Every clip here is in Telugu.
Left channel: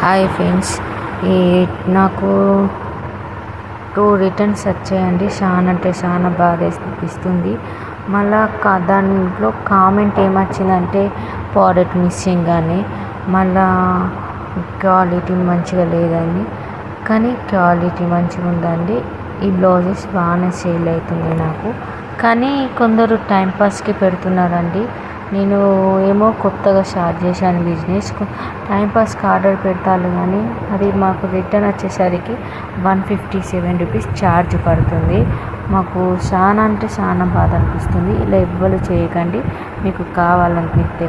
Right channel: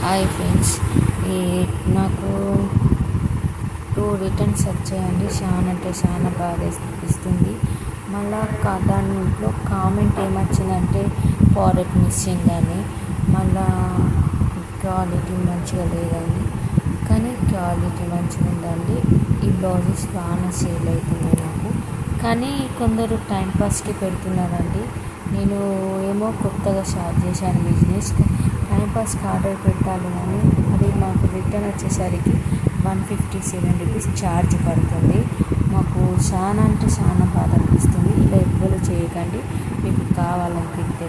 హాయ్ ఫ్రెండ్స్, ఈ నాకు 2 రిటర్న్స్ వచ్చాయండి. చాలా అంటే చాలా బాధ అనిపిస్తుంది. మళ్ళా దాంట్లో కామెంట్ ఏమొచ్చిందంటే ప్రోడక్ట్ మిస్సింగ్ అని, మళ్ళా క్వాలిటీ మంచిగా లేదండి. కానీ క్వాలిటీ మంచిగా ఉందండి. ఈ బ్లౌజెస్ బాగానే సేల్ అవుతుంది నాకు. కానీ కొందరు టైంపాస్కి పెడుతున్నారండి. నేను ఏమో కొత్తగా స్టార్ట్ చేశాను బిజినెస్. టైంపాస్కి ఆర్డర్ పెట్టాలి, కానీ అది మాకు రిటర్న్ వచ్చేసరికి 157 రూపీస్ ఛార్జ్ పడుతుంది. మాకు చాలా అంటే చాలా బాధ అనిపిస్తుంది. ఇలా ఎవ్వరు చేయకండి. మీకు కావాలనిపిస్తే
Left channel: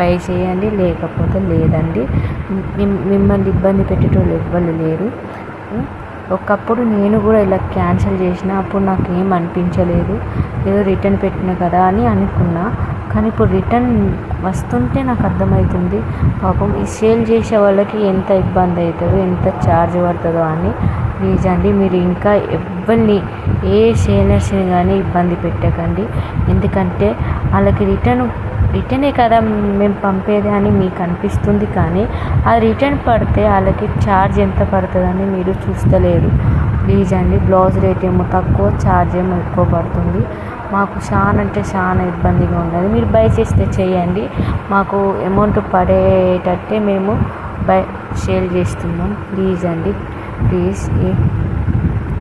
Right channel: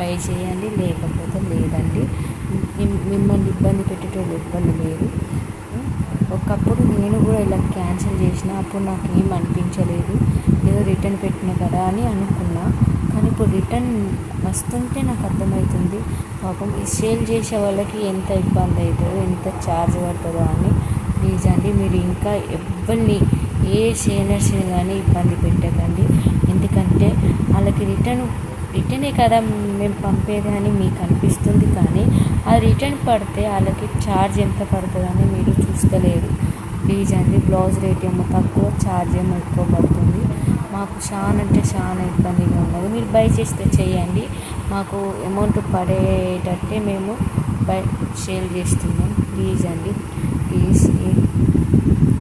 బై చేయండి, లేకపోతే లేదండి. మిమ్మల్ని ఇబ్బంది పెట్టేటోళ్ళు ఎవ్వరు లేరు. ఒకప్పుడు నేను కూడా ఇలా క్యాన్సిల్ చేసిన, అప్పుడు నాకు ఏం అనిపించలేదు, ఏదో రిటర్న్ పెట్టిన కదా అని అనుకున్నా. కానీ ఇప్పుడు రిటర్న్ వస్తుంటే నాకు అర్థమవుతుంది పాపం ఈ సేల్ చేసే వాళ్ళకి ఎంత ఇబ్బంది అవుతుందో, ఎంత ఛార్జ్ పడుతుందో అని. ప్లీజ్ అండి, మీరు ఇంకా ఎవరిని ఏ సేలర్స్ని కానీ ఇబ్బంది పెట్టకండి. ఎందుకంటే వాళ్ళకి రిటర్నే కదా మేము పంపేది అని మీకు అనిపిస్తుంది, కానీ ఆ రిటర్న్ పడితే వాళ్ళకి ఛార్జ్ ఎంత పడుతుందని మీరు చూస్తలేరు. ప్లీజ్ అండి, బ్లౌజ్ రేట్ ఏమో తక్కువ, ఛార్జ్ ఏమో ఎక్కువ పడుతుంది. మాకు చాలా అంటే చాలా ఇబ్బందిగా ఉన్నది. మీరు బై చేస్తే చేయండి, మాకు అమౌంట్ పడేటట్టే మేము సేల్ చేస్తున్నాం. ప్లీజ్ అండి, ప్లీజ్.